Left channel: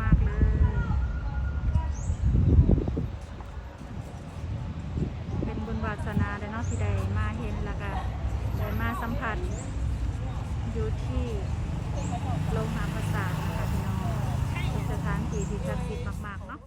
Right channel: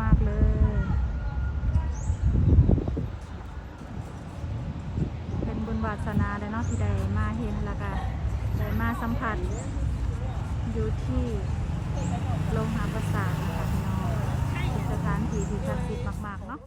มากๆเลย เป็นบุญวาสนาเลยเนาะที่ได้มาเห็นแล้วก็ได้มาสัมผัส อยู่ที่โรงหาประสาทนะคะพี่น้องเป็นสถานที่ที่ศักดิ์สิทธิ์มากๆเนาะ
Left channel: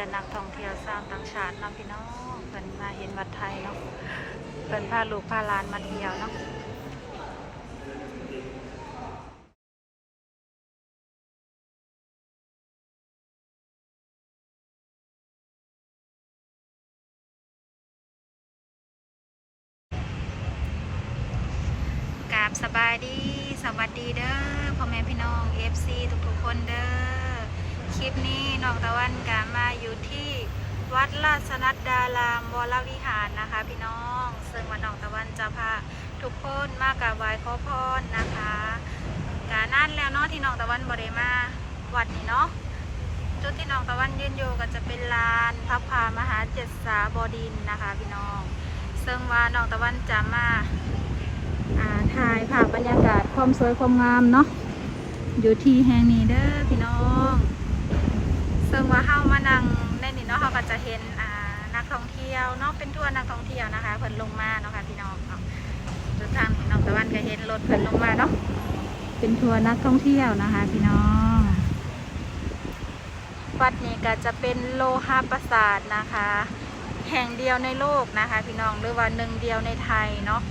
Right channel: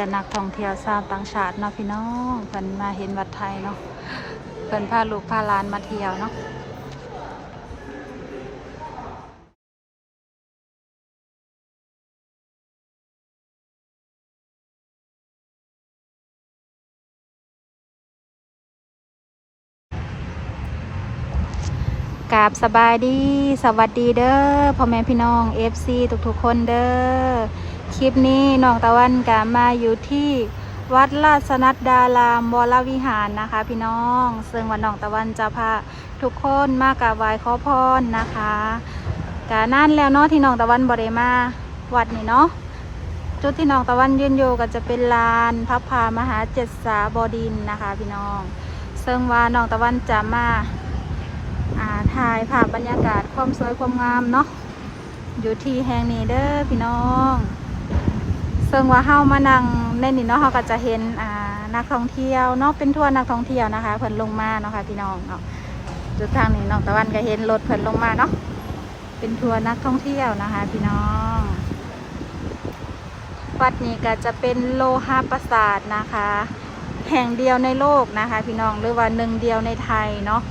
แต่นักท่องเที่ยวชาวต่างชาติเนาะพี่น้องเพิ่นมาเห็นวัดไทยเนาะเพิ่นพาลูกพาหลานมาเที่ยวเนาะกราบสบายดี สวัสดีเด้อพ่อแม่พี่น้อง FC ทุกๆคนเด้อ คลิปนี้น้องตะวันกามาอยู่ที่วัดราชนัดดารามวรวิหารนะคะ พี่น้อง ซึ่งวันน้องตะวันจะพาทุกคนมากราบไหว้ขอพรนะคะกานั่นแล้วเนาะที่น้องตะวันบริมาวัดนี่เนาะจุดที่น้องตะวันยืนอยู่ก็จะเป็นลานพระพามหาเจ็ดสาบดินนะคะ พี่น้อง ซึ่งว่าน้องตะวันจะมาถ่ายภาพบรรยากาศความสวยความงามเนาะอยู่ที่แห่งนี้เด้อพี่น้อง ซึ่งว่าเฮามานั่งในนี่เนาะเฮาก็จะเห็นอ่านักท่องเที่ยวเนาะเป็นทัวร์นักท่องเที่ยวนะคะเพิ่นลงมาเนาะค่ะพี่น้องเนาะจุดทางนี้น้องตะวันก็เห็นรถเพิ่นลงมาเนาะเป็นทัวร์นักท่องเที่ยวนะคะ พี่น้องวัดนี้ก็จะเป็นโลหะปราสาทนะคะ แห่งเดียวในโลกนะคะ พี่น้องหรือว่าหนึ่งเดียวในไทยเนาะ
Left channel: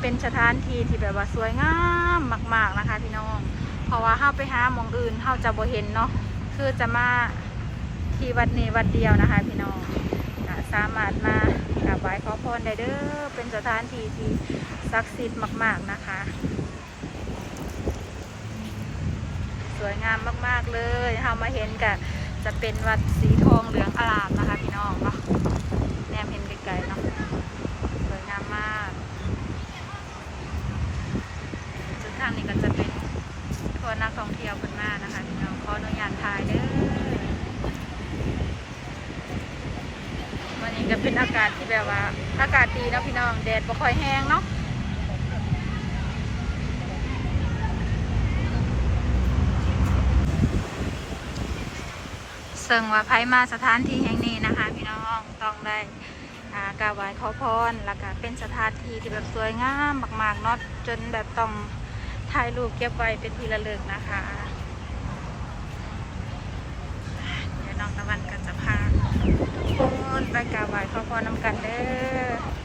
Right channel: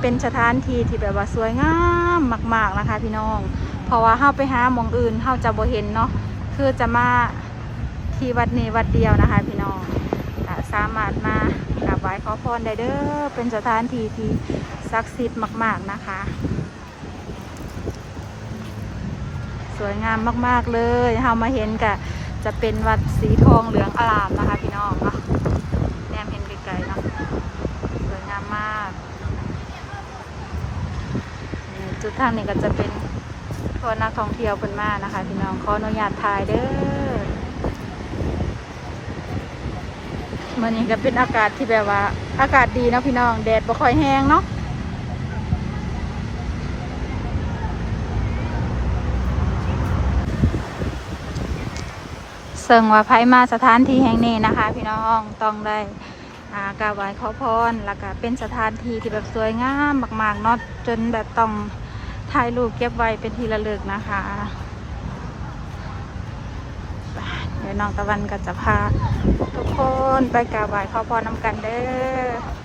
เป็นสถานที่ที่แบบว่าสวยงามมาก ๆนะคะ พี่น้อง เพราะว่าเฮาไปหาหมองอื่นเฮาจะบ่เห็นเนาะ คือจะมาที่วัดนี้วัดเดียวนะคะ พี่น้องสามารถมากราบไหว้ขอพรได้เด้อเป็นสถานที่ที่ศักดิ์สิทธิ์มาก ๆนะคะ สวยงามมากๆเลยเฮามาเห็นกะจะเป็นวัดสีทองเหลืองอลามนะคะ พี่น้องเนาะแนมเห็นไกลๆเนาะสวยงามมากจุดทางนี้ก็จะเป็น ทัวร์นักท่องเที่ยวเพิ่นมากนะคะ พี่น้องขออนุญาตถ่ายเด้อมื่อนี้ก็เป็นอากาศที่แบบว่า อากาศดีนะพี่น้องแดดบ่ค่อยแห้งเนาะซึ่งว่าไผมาสถานที่แห่งนี้นะคะ พี่น้องต้องได้อากราบไหว้ขอพรแล้วก็เป็นสถานที่ที่แบบสวยงามมากๆเนาะจนแบบต้อง ถ่ายรูปเก็บไว้เป็นที่ระลึกนะคะ เดี๋ยวน้องตะวันก็จะพาทุกคนไปกราบไหว้ขอพรน้ำกันเด้อ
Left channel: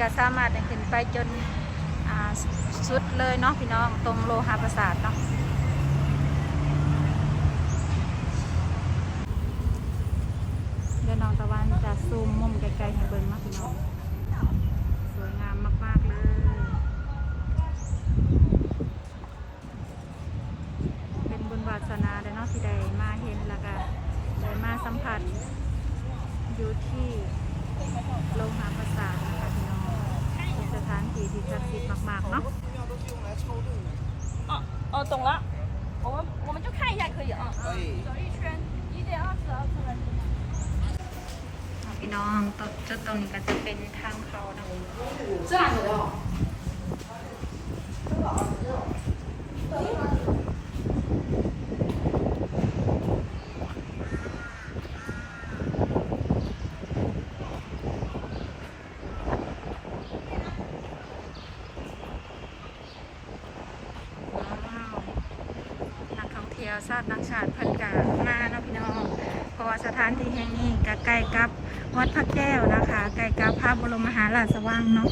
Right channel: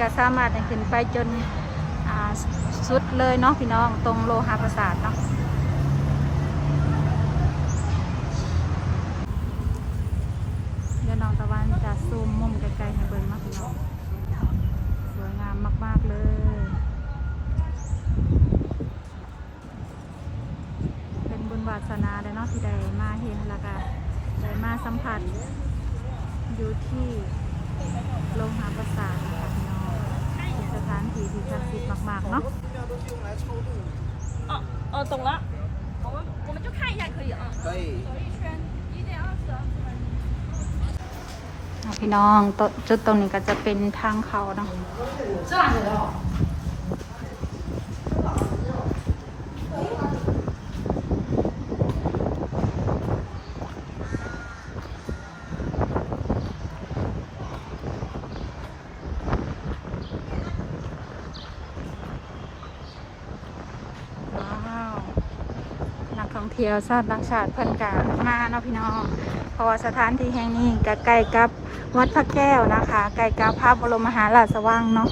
ก็สามารถให้ขึ้นไปจนสุดเลยเนาะพี่น้องตรงโลหะประสาทเนาะเดี๋ยวน้องตะวันจะซูมมุมไกลๆให้เบิ่งเนาะพี่น้อง สวยงามมาก ๆ เลยเป็นบุญวาสนาเลยเนาะที่ได้มาเห็นแล้วก็ได้มาสัมผัสอยู่ที่โรงหาประสาทนะคะพี่น้องเป็นสถาน ที่ที่ศักดิ์สิทธิ์มากๆเนาะ 哦哦，懂了。我们我们就看一下可以啊。可以。走一圈，一点二十二十分钟。 เอาพี่น้องตจุดตรงนี้ก็จะเป็นทางเขาเนาะว้าวนัก ที่ยวชาติต่างชาติเพิ่นกะมาเนาะพี่น้องเพราะว่าสถานที่แห่งนี้ก็ใกล้กับวัดพระแก้วนะคะใกล้กับพระบรมมหาราชวังเนาะ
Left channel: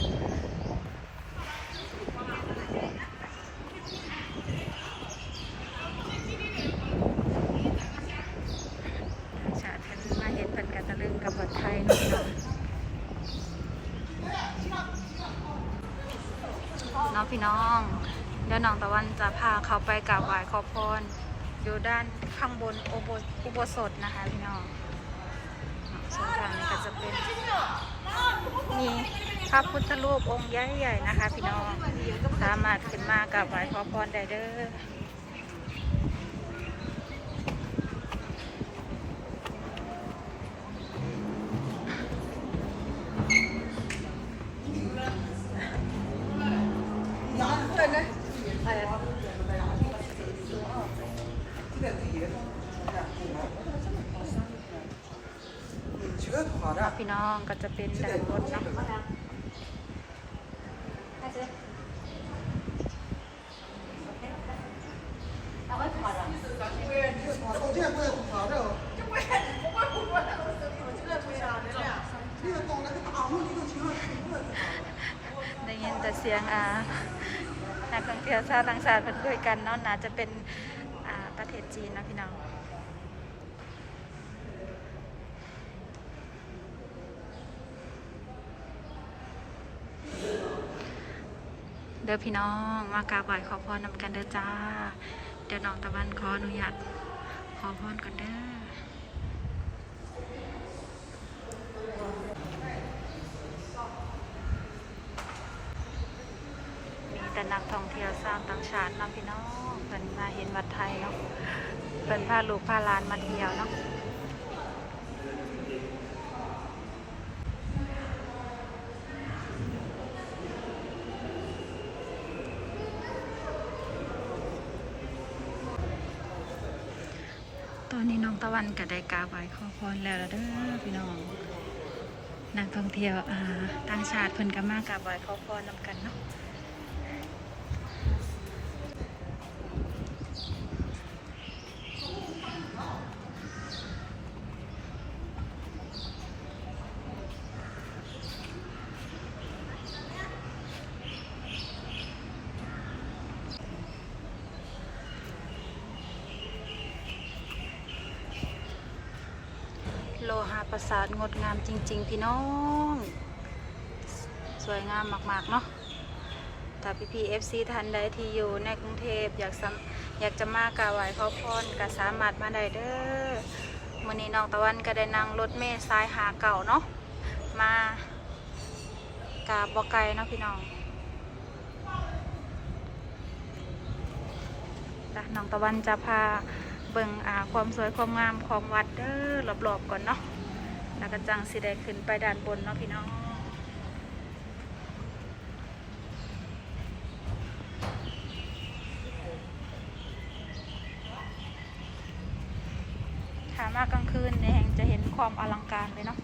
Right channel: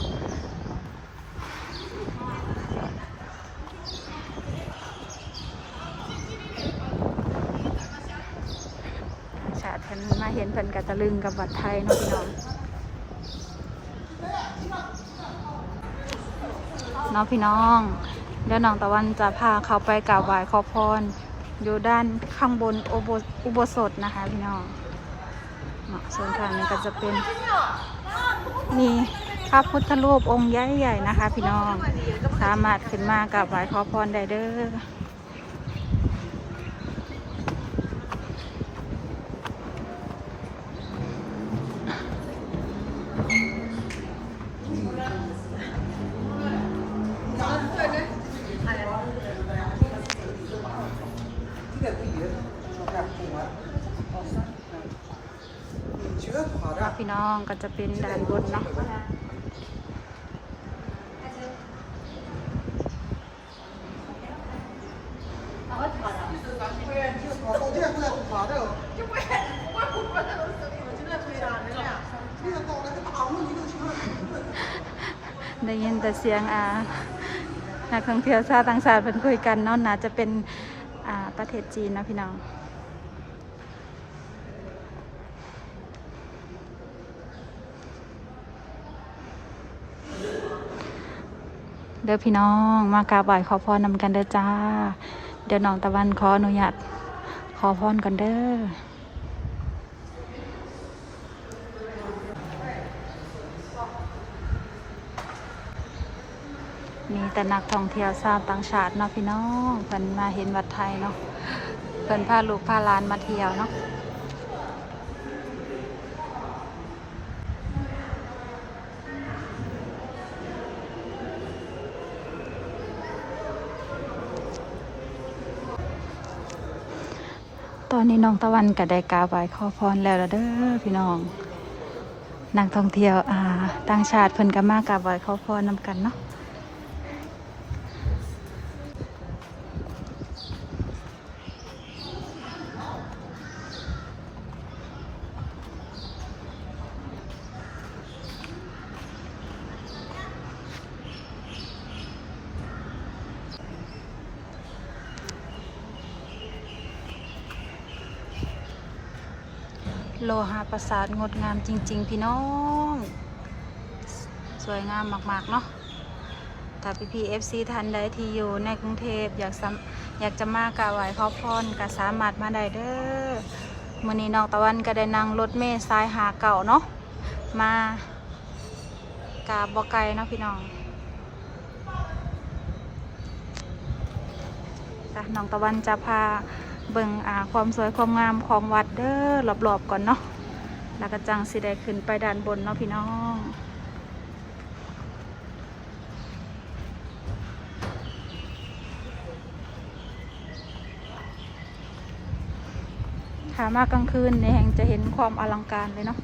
ชาติเพิ่นมาเห็นเพิ่นกะตะลึงกับวัดไทยเนาะพี่น้องเน้องพี่น้องเดี๋ยวน้องตะวันจะพาเขาไปกราบไหว้ขอพร อยู่ด้านข้างบนอุโบอุโบสถนะคะพี่น้องเนาะส่วนทางนี้ก็จะเป็นมีพระพุทธรูปองค์ใหญ่ๆนะคะ พี่น้อง สามารถขึ้นมากราบไหว้ขอพรได้เด้อ พี่น้องก็จะเป็นด้านบนเนาะได้ยินแต่เสียงอ่านักท่องเที่ยวชาวต่างชาติเป็นคุยกันเนาะน่าจะเป็นอ่าประเทศจีนนะพี่น้อง เด้อพี่น้อง มากราบไหว้ขอพรนำกันเด้อจ้า เดี๋ยวน้องตะวันขออนุญาตขอพรกันเด้อมีแต่นักท่องเที่ยวชาวต่างชาติเนาะพี่น้องเพิ่นมาเห็นวัดไทยเนาะเพิ่นพาลูกพาหลานมาเที่ยวเนาะ อนนี้น้องตะวันกับได้กาบไหว้ขอพรแล้วละเด้อพี่น้องนักท่องเที่ยวอ่าต่างชาติเพิ่นก็มากราบไหว้ขอพรนำกันเนาะ โลหะประสาทงดงามจริง ๆ พี่น้อง สวยงามมาก ๆ เนาะถ้าพี่พีเอฟซีทันใดที่อยู่ในกรุงเทพอยากอยากจะมากราบไหว้ขอพรก็สามารถมาได้เด้อมื้อนี้น้องตะวันก็ได้นั่งรถเมล์สายหาเก่าเนาะมากราบบ่ไกลเนาะพี่น้องจ้ะน้องตะวันจะพา เบิ่งอ่าความสวยความงามของวัดเด้อรอบๆก่อนเนาะแล้วก็จังสีได้ขึ้นไปด้านบนเนาะพี่น้องถ้ามากลางคืนในแห่งจะเห็นความอลังการเลยเนาะ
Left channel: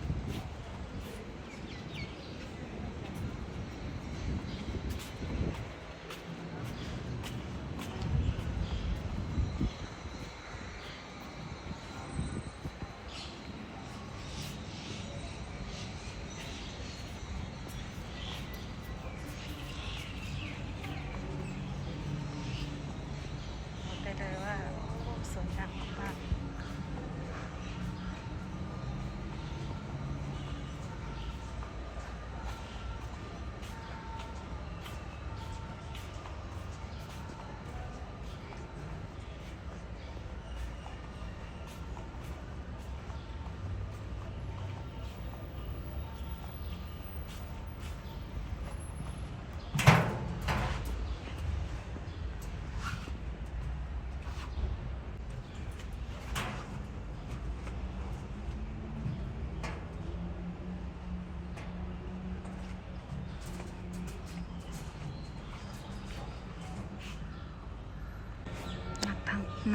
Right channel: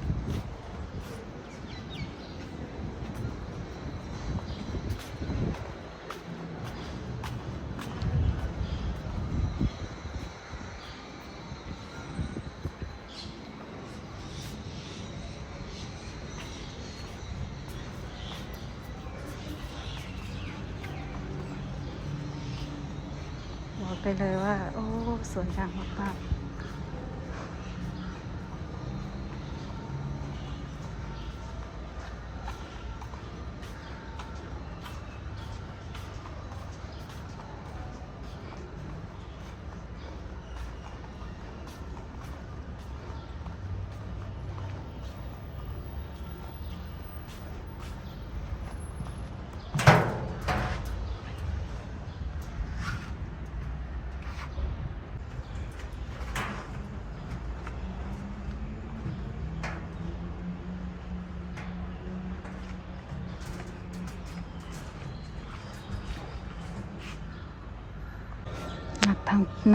ไปเลยว่า โอ้ สวยงามมากๆ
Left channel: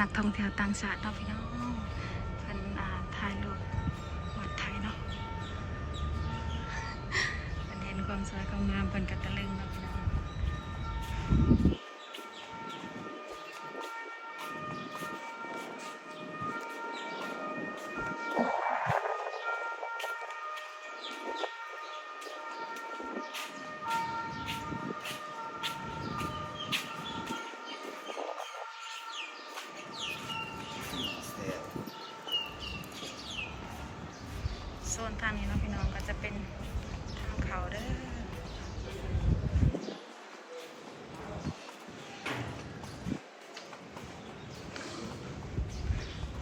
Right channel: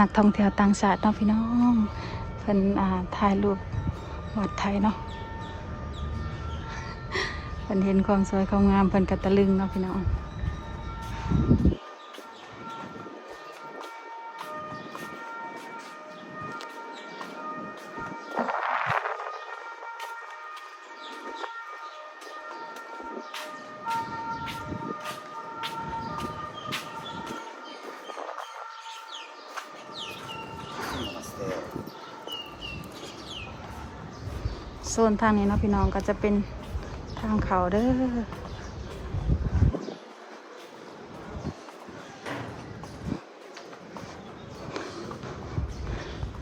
นักท่องเที่ยวต่างชาติเนาะพี่น้องเพิ่นอ่าถ่ายรูปวัดไทยเนาะเพิ่นเห็นความสวยความงามเพิ่นก็ตะลึงเนาะพี่น้อง นทางนี้เนาะพี่น้องก็จะเป็นทางเขาเด้อ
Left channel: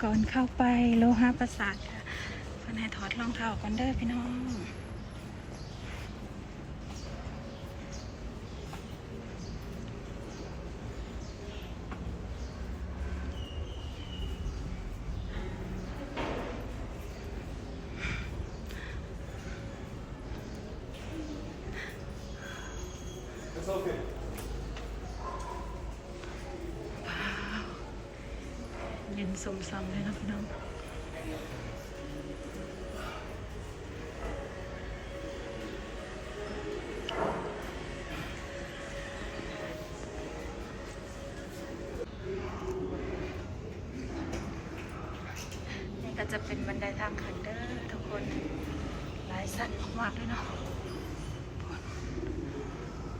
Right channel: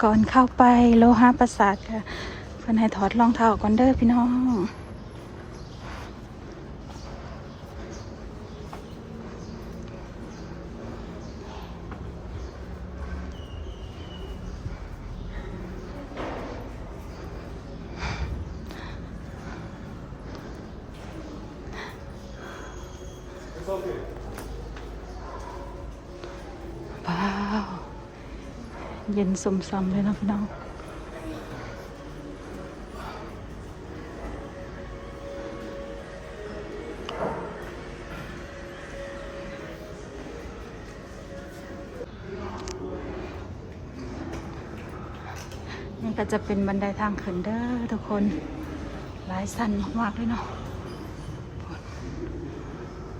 ก่อนเข้าไปโลหะประสาทค่ะเพิ่นให้ถอดรองเท้าก่อนเด้อพี่น้อง สมซำเลยนะพี่น้องนี่ก็จะเป็นบันไดทางขึ้นเด้อทุกคน หลายสั้นมากๆเลยเนาะ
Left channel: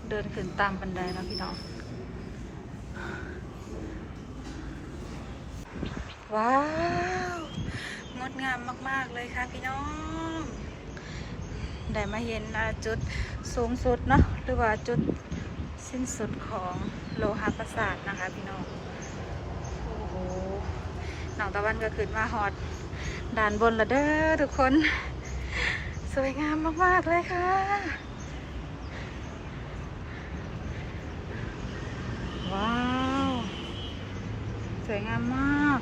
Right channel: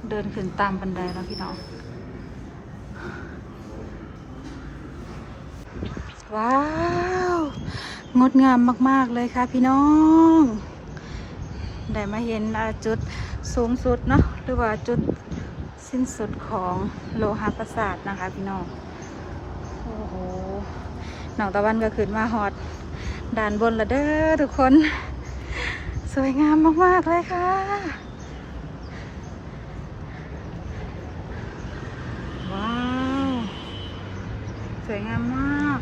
เดินขึ้นตามบันไดแล้วพี่น้อง ว้าว งดงามมาก ๆ เลยค่ะพี่น้อง ได้มาเห็นจุดสูงสุดเนาะหรือว่าจุดสิ้นสุดของโลหะประสาทนะคะพี่น้อง โอ้โหหนองตะวันก็ขึ้นมาหอดด่านบนละเด้อทุกคน สวยงามมาก ๆ เลยค่ะ ว้าว สวยงามมาก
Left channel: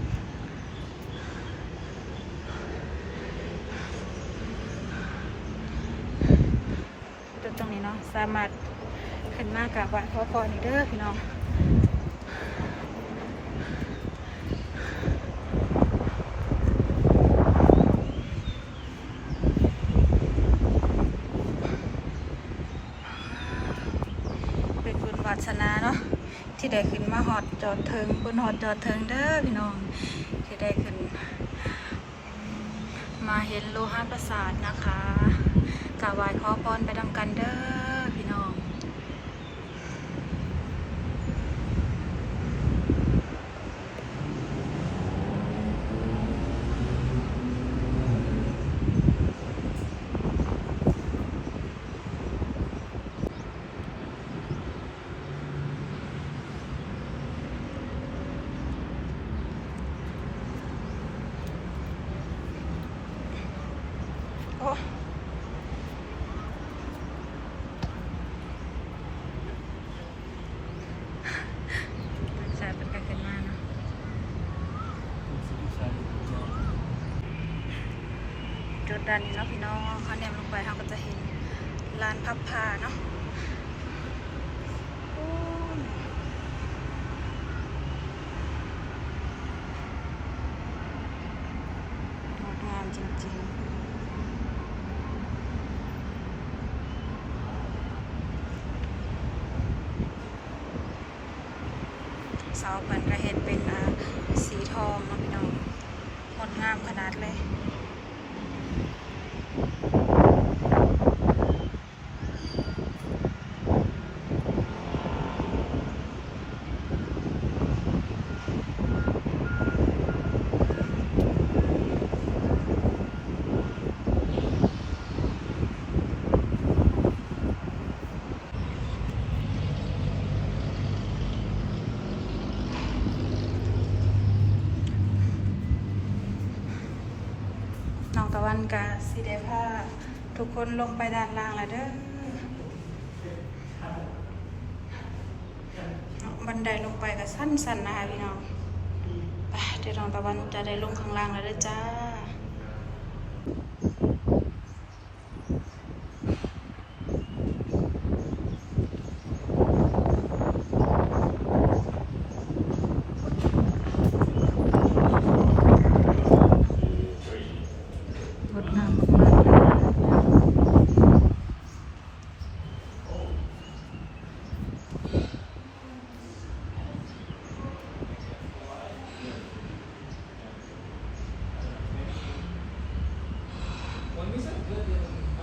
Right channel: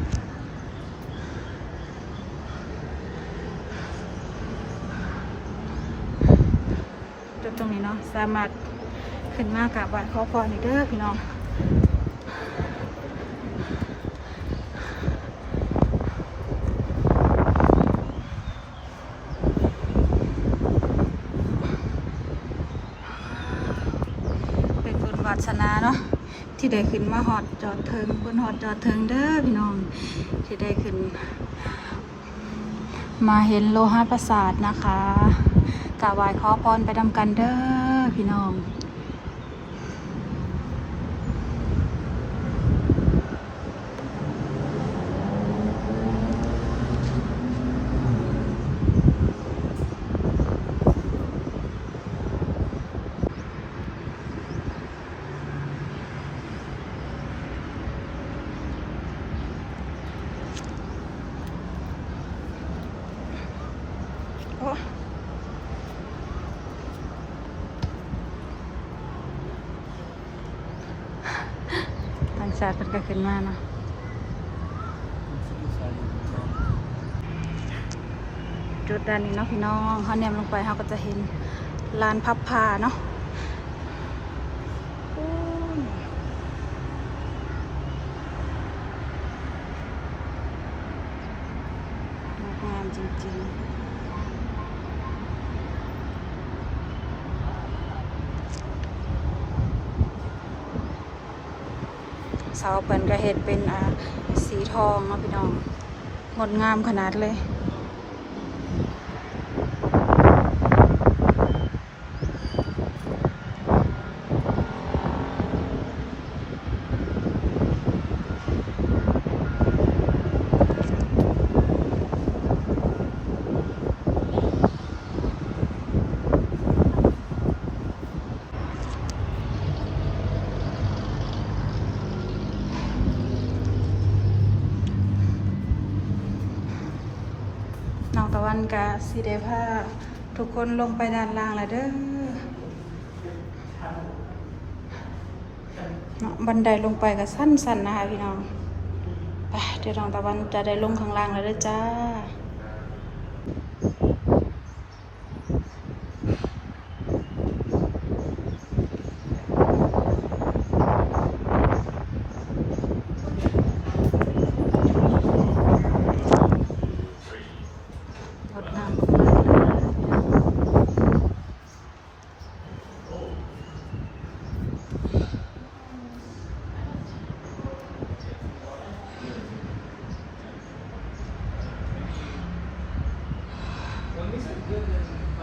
จุดตรงนี้เนาะ สามารถขึ้นมากราบไหว้ขอพรอีกเด้อพี่น้องเป็นบุญวาสนาเนาะที่ได้ขึ้นมาหอดจอดเทิงบนหอดจอดเทิงเด้อพี่น้อง ที่ได้ขึ้น มาเห็นโลหะประสาทนะคะ กาบไว้ขอพรไปทำกันเด้อพี่น้อง โอ้หลังจากมันก็ขึ้นมาเนาะจุ ด้านนี้เนาะพี่น้องเขาเนี่ยลงไปเขาก็จะเห็นลานพับผ้าเนาะงดงามจริงๆเสาเปิ่นก็เห็ดเป็นสีทองเนาะพี่น้อง งดงามขนาดเลย กะสีเดผ้าทุกคนลงไปด้านล่างแล้วเด้อเนาะบันไดลงไปก็สั้นๆนะคะพี่น้องไปเดี๋ยวน้องตะวันจะได้ลงข้างล่างแล้วเด้วยจ้า Thank you.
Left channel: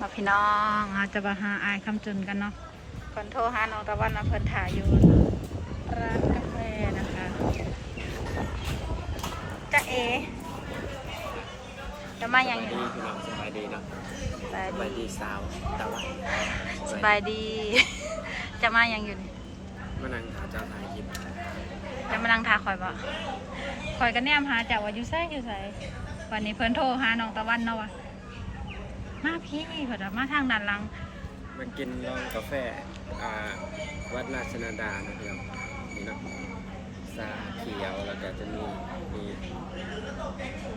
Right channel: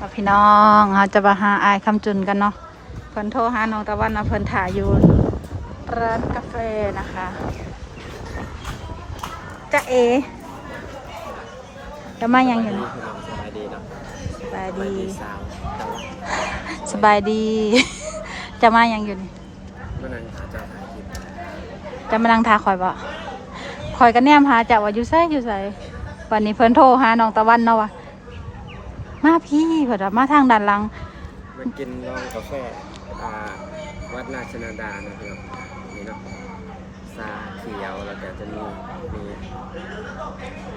มาพี่น้องเราจะมาหาอายคำจุนกันเนาะเพิ่นโทรหาน้องตะวันมาเพิ่นถ่ายอยู่ร้านกาแฟนะคะจ้าเอจะมายังอยู่นี่พี่น้องสบายดีเนาะสบายสบายดีดีสาวแต่ว่าสบายดี จะมายังอยู่นี่เมื่อนังหาเจ้าถ่ายคลิปจะมานั่งทาคอยบ่คอยกันแนมหาจับว่าอยู่ไสอยู่ไสวันนี้เพิ่นโทรหาน้องตะวันเนาะว่า มาพี่เพิ่นว่ามาทางด้านหลัง มากินลองกาแฟอ่าวัดราชนาดาเนาะพี่น้องนี่เนาะซาเขียวแล้วก็จะมีมี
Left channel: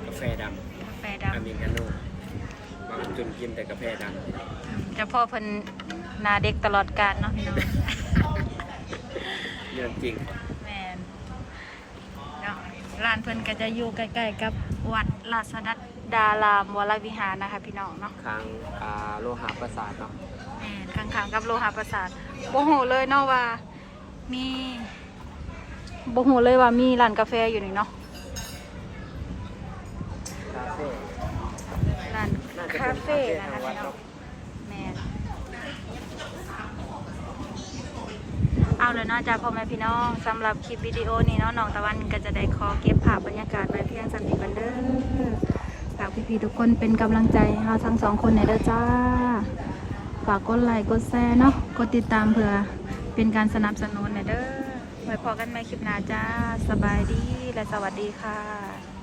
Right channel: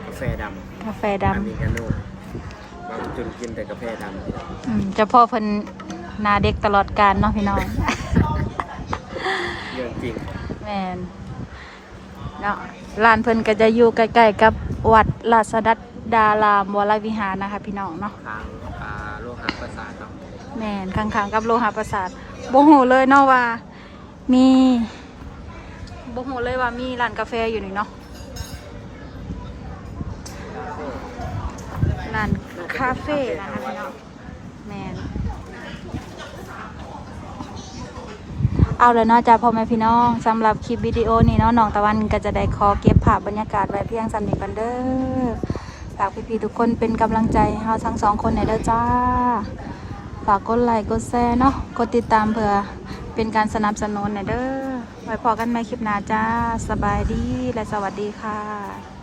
กาแฟดกาแฟำดำอเมริกาโน่บางจุนกินแต่กาแฟดำพี่น้องอืมเจ้าพ่อเพิ่นหนาเด็กตลอดกาลเนาะพี่น้อง เรื่องจริงแมนเนาะร้านเพิ่นก็จะอยู่ใกล้ๆกับวัดราชดัด ดารามวรวิหารนะคะ พี่น้องเนาะทางอ่าโลหะประสาทเนาะแมนข้างๆกับโลหะประสาทบ่ฮู้เลยเนาะว่า มีบ่ฮู้เลยว่ามีร้านกาแฟอยู่นี่เนาะร้านคาเฟ่นะคะพี่น้องแมนเอาเลยเนาะจ้าพ่อแม่พี่น้องสำหรับคลิปวิดีโอนี้เนาะน้องตะวันก็จะได้ขอเก็บภาพบรรยากาศไว้เพียงสำนี้กันเด้อ ฝากพี่ๆทุกคนเป็นกำลังใจให้เราทั้งสองคนในอยเด้อจ้า ฝากกดไลค์กดแชร์เนาะกดติดตามเพื่อเป็นการสนับสนุนในอยเด้อไว้พอกันใหม่คลิปหน้าจ้า สบายดีและสวัสดีค่ะ